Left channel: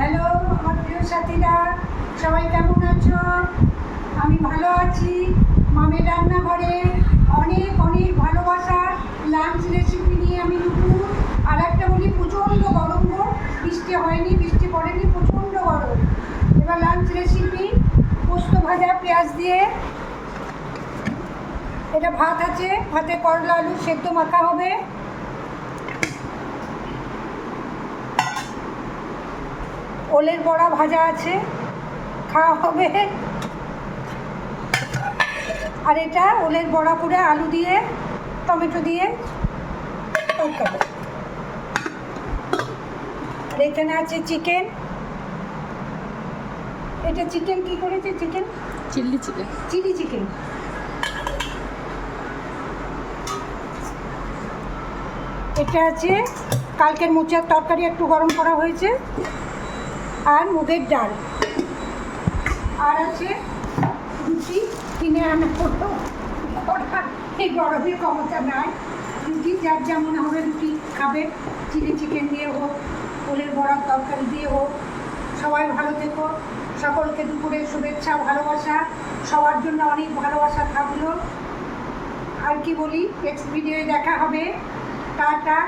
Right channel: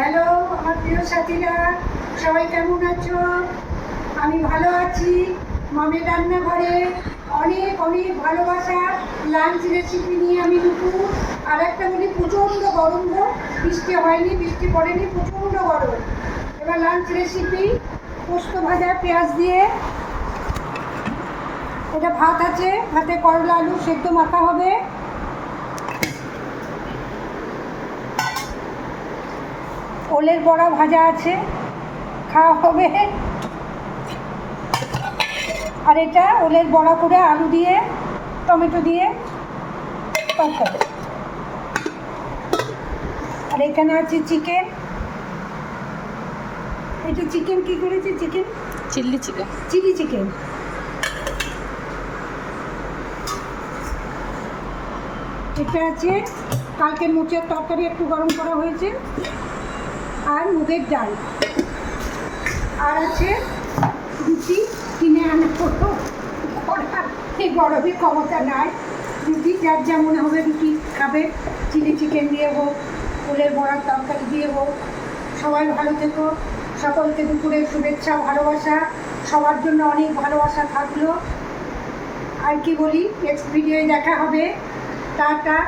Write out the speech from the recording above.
Hello আমার প্রিয় সাথীরা, সবাই কেমন আছো? আমি ভালো আছি। মামের রান্নাঘরে অনেক অনেক ভালোবাসা লাঞ্চ রেসিপি নিয়ে আমি নুপুর। আর একটা বলি, প্রচণ্ড গরম গো, বৃষ্টি হয়নি, বৃষ্টি পড়েনি, প্রচণ্ড গরম। এবার লাঞ্চ রেসিপি পোস্ত ভাজা পেঁয়াজ দিয়ে। এটা ভাত আছে, ভাতে করলা আলু সেদ্ধ মাখা হবে। ওলের বড়া ভাজা আছে, খাওয়া হবে। আর এটা ওলের বড়া করে আলু দিয়ে টমেটো দিয়ে তরকারি। আর এখানে আছে চিকেন। এটা চিকেন কি করেছে? Chicken chilli chicken. Chilli chicken. এটা আছে কালকের মোচার তরকারি, একটু গরম করা হয়েছে। আর মুগের ডাল। আর আছে রুটি, কিনে আনা হতো, এই গরমে ক্ষমতা নাই। রুটি যার যেমন হবে রুটি খাবে, চিলি চিকেন দিয়ে হোক, ওলের বড়ার তরকারি দিয়ে হোক। সবাই ভালো থেকো। সকলকে দুপুরের শুভেচ্ছা, ভালোবাসা। সবার জন্য অনেক ভালোবাসা থাকলো। আর কি বলি, নেক্সট ভিডিওয়ে দেখা হবে। টাটা।